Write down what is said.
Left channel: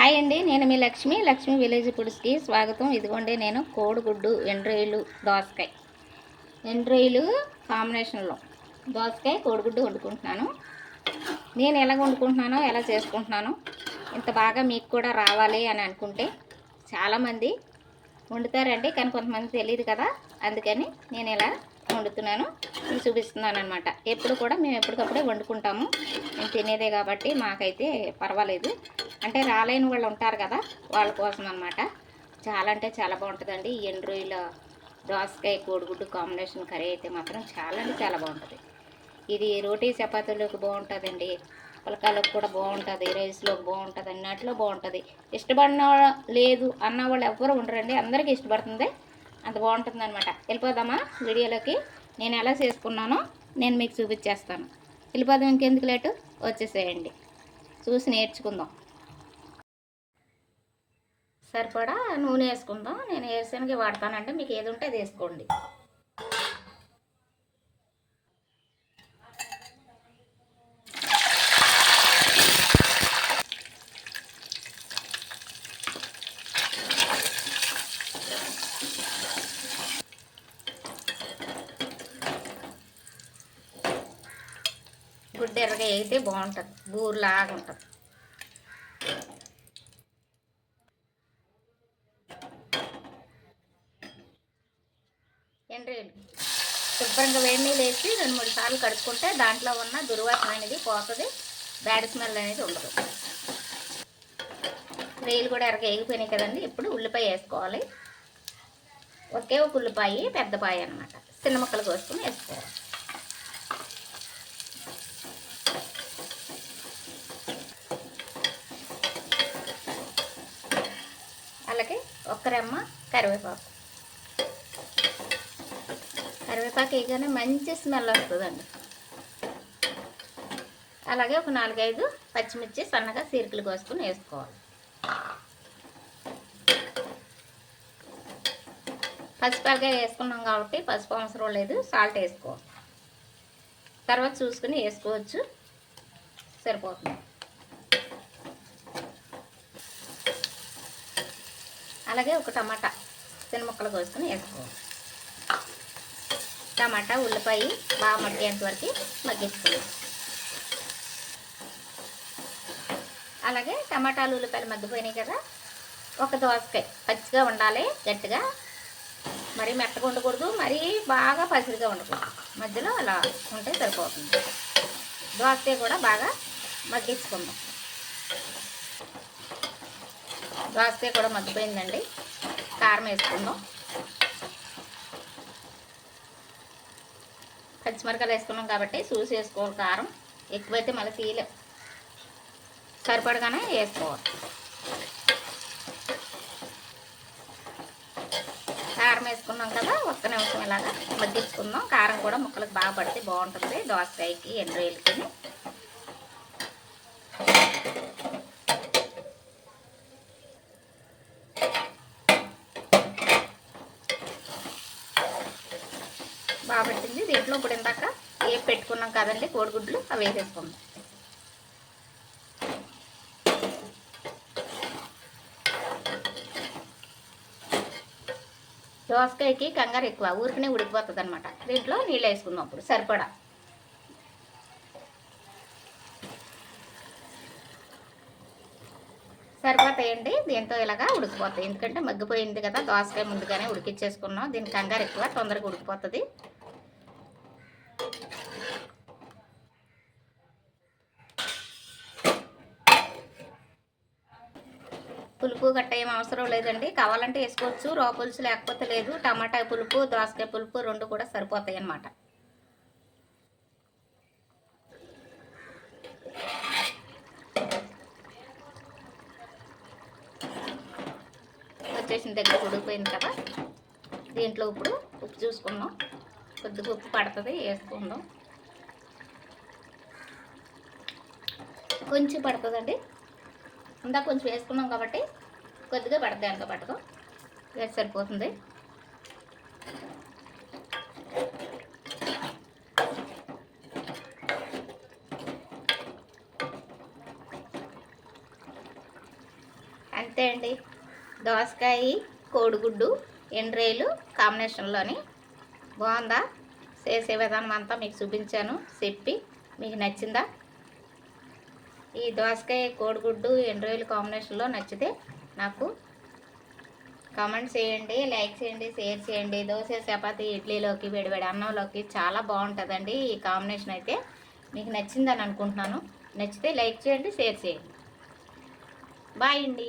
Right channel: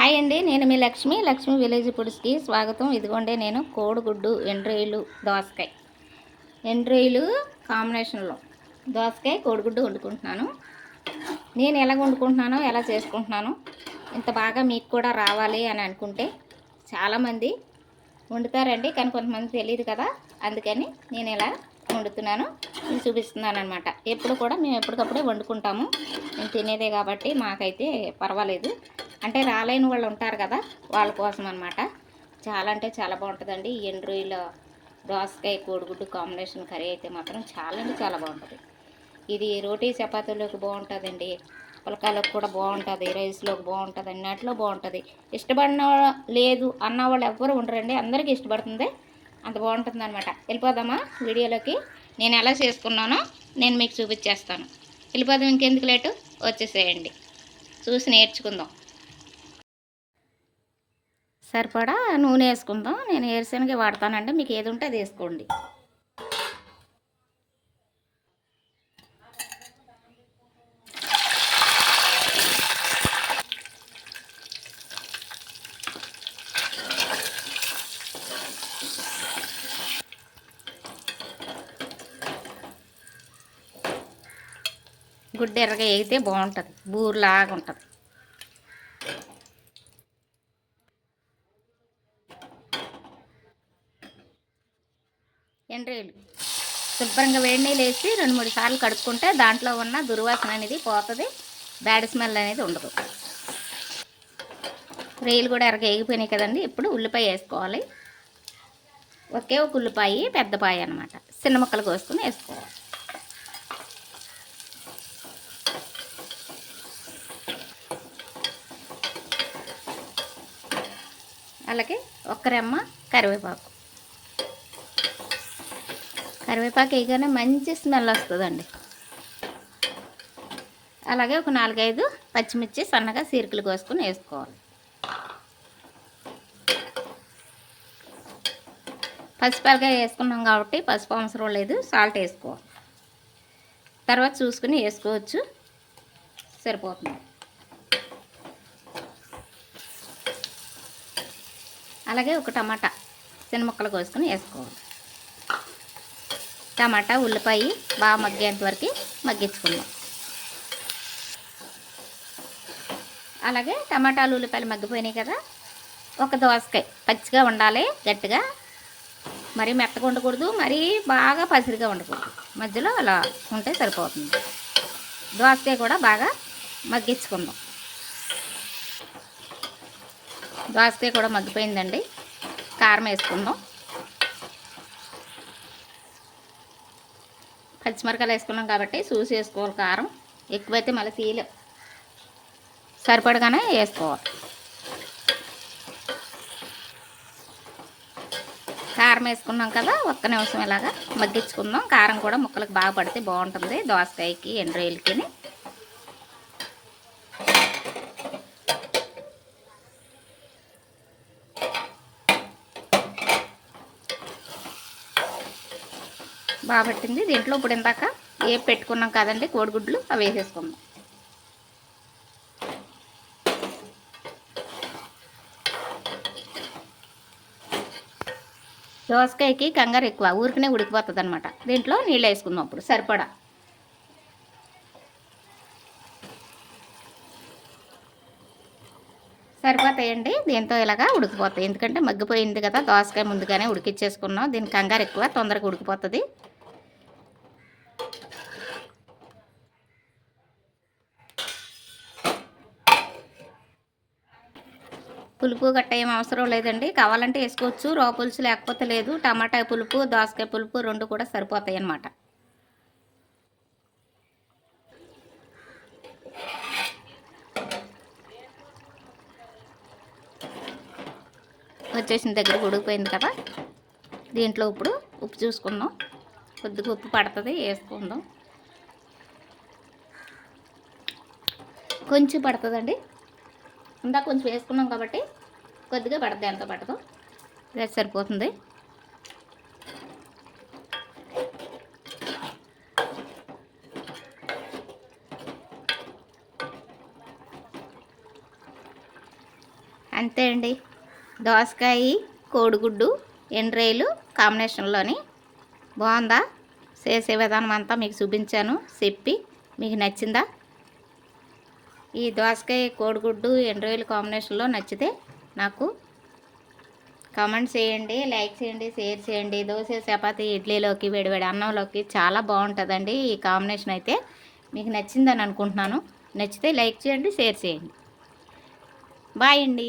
Hi అండి నేను మీ లక్ష్మి. లక్ష్మి విలేజ్ ఫుడ్స్కి స్వాగతం. ఇదిగోండి నేను కోడిగుడ్డు ఎండ్రాయిలు దోసకాయ. ఎండ్రాయిలు కాంబినేషన్లో. దోసకాయ కోడిగుడ్డు వండుకుంటున్నాను. నేను ఎలా వండుకుంటున్నానో ఎలా చేసుకుంటున్నాను ఇంత బాగా మీకు కూడా రావాలి అని అనుకుంటే చాలామంది వండుతారండి కానీ కొంతమంది తెలియదు కదా. అందుకని నేను ఇలా వండుతున్నాను. మీకు చూపిస్తున్నాను అనమాట ఎప్పుడు కూడా మేము ఎప్పటికప్పుడే వండుకుంటాము. మేము తినేదే కాబట్టి మాకైతే పర్వాలేదు. అంటే రాలేని వాళ్ళు ఉంటారు కదా వాళ్ళ కోసం అనమాట చాలా అంటే చాలా బాగుంటుందండి. ఈ ఎండు రొయ్యల దోసకాయ కోడిగుడ్డు కాంబినేషన్ కర్రీ అయితే మాత్రం చాలా అంటే చాలా బాగుంటుంది. ఇది రోటీ చపాతీలోకి బాగుంటుందండి. పులకాలకు కూడా బాగుంటుంది. రైస్లోకి బాగుంటుంది. అన్నట్లో బాగుంటుంది. ఇష్టపడిన లేదు అన్న వాళ్ళు ఎవ్వరు ఉండరండి. అందరికీ ఇష్టపడుతుంది. అంత బాగుంటుంది అనమాట వెళ్ళిపోదామా వీడియోలోకి? నేను ఎలా చేసుకున్నానో నేను మీకు చూపించేస్తాను. వెళ్ళిపోదాం ఇంకెందుకు లేటు? వచ్చేసేయండి. చూసి నేర్చుకుందాం. సరిపడా నూనె వేసుకుందాం. నేను ఏరుశనగ వాడతానంటే మీకు ఏది ఉంటే అది వేసుకోండి. గుడ్డ ఎర్రగా వేగితే బాగుంటుంది. బూరులాగా ఉంటుంది. ఎండ్రీలు శుభ్రంగా వేడి నీళ్ళు వేసి రెండు మూడు సార్లు కడుక్కుంటే దాంట్లో ఉన్న దుర్వాసన అనేది పోతుంది. బ్యాడ్ స్మెల్ అనేది ఉండదు. రేలు కూడా ఎరగ వేగిపోయినాయి కదండి. ఇప్పుడు ఉల్లిపాయ వేసుకోవాలి. ఒకే ఒక ఉల్లిపాయ పెద్ద పాయ అనమాట చిన్న ముక్కలు కోసుకుని వేసుకోవాలి. అలాగే ఒక్క రెమ్మ కరివేపాకు. కరివేపాకు వేయగానే మంచి స్మెల్ వస్తుందండి. అలాగే ఒక నాలుగైదు పచ్చిమిర్చి సన్నగా సీరికలు కోసుకొని వేసుకోవాలి. పసిపాలుగా వేసుకున్నాం కాబట్టి పసుపు అవసరం లేదు సాల్ట్ వేసుకోవాలి. తర్వాత చూసుకుని వేసుకోవచ్చు. సరిపోతుంది. అలాగే ఒక టమాటా చిన్న ముక్కలు కోసుకొని వేసుకోవాలి. టమాటా ఉల్లిపాయ బాగా మగ్గేంత వరకు మగ్గించుకుందాం అలాగే టమాటాలు ఉల్లిపాయలు మగ్గిపోయినాయి కదా ఒక దోసకాయ పచ్చిగా ఉండాలి గట్టిగా. మరీ మెత్తగా ఉండకూడదు మరీ బాగా పసిరిగా ఉండకూడదు. మధ్యలో అలా ఉంటే సరిపోతుంది. దోసకాయ కూడా బాగా మగ్గించుకుందాం. దోసకాయ కూడా మగ్గిపోయిందండి. కారం వేసుకుందాం. పచ్చిమిరకాయలు వేసుకున్నాం కాబట్టి చూసి వేసుకోవాలి కారం. ఎక్కువైతే మళ్ళీ తీయలే. సరిపడగానే వేసుకోవాలి. కారం వేసుకున్నాం కదా ఒక్క నిమిషం ఇలాగా మగ్గించుకుందాం. కారం కూడా ముక్కలకు బాగా పడితే బాగుంటుంది. దోసకాయకి ఎండ్రాయిలకి బాగా పట్టింది. దీంట్లో ఇప్పుడు ఇందాక ఏ పెట్టుకున్నాం కదండి కోడిగుడ్లు అవి వేసేసుకుందాం. దోసకాయకి కంగారు ఎక్కువ ఊరికనే ఉడికిపోతుంది అనమాట దీంట్లో నీళ్ళు వేసుకుందాం అప్పుడు సరిపడా. సరిపోతాయండి దీంతో ఇలాగా ఉడికిపోతాయి. ఎందుకంటే మగ్గిపోయింది కదా దోసకాయ ముందుగానే ఉడికిచ్చేసుకున్నాం. దీని కంగారు ఎక్కువ తొందరగా ఉడికిపోతుంది. పులుపు గట్ట ఏం అవసరం లేదండి. కావాలంటే వేసుకోవచ్చు. రో పులుసు లేకపోతే లేదు. టమాటా పులుపు దోసకాయ పులుపు రెండు కూడా సరిపోతాయి అన్నమాట. వచ్చేసిన దగ్గర ఉడికిపోయింది కదా. దీంట్లో ఇప్పుడు ఉప్పు చూసుకుందాం. కొద్దిగా ఉప్పు పడుతుంది వేసుకుందాం. కొంచెం పడుతుందండి. ఇందాక కొంచెం వేసుకున్నాం కాబట్టి కొద్దిగా పడుతుంది ఎంత పడదు. ఇది సరిపోతుంది. అంతే అండి. దోసకాయ కోడిగుడ్డు ఎండ్రైలు కాంబినేషన్లోని బాగుందా? చేసే విధానం అంతా మీకు చూపించాను చెప్పి మీకు నచ్చిందా? ఈ దోసకాయ కోడిగుడ్డు ఎండ్రోయిల్ కాంబినేషన్లో నచ్చితే నాకు కామెంట్ చేయండి లైక్ చేయండి షేర్ చేయండి. దోశ చపాతి ఇడ్లీలోకి వేడివేడి అన్నంలోకి చాలా బాగుంటుందండి ఈ కాంబినేషన్ అయితే. మీకు నచ్చిందని అనుకుంటున్నాను. నచ్చితే లైక్ చేయండి షేర్ చేయండి. బాయ్ అండి.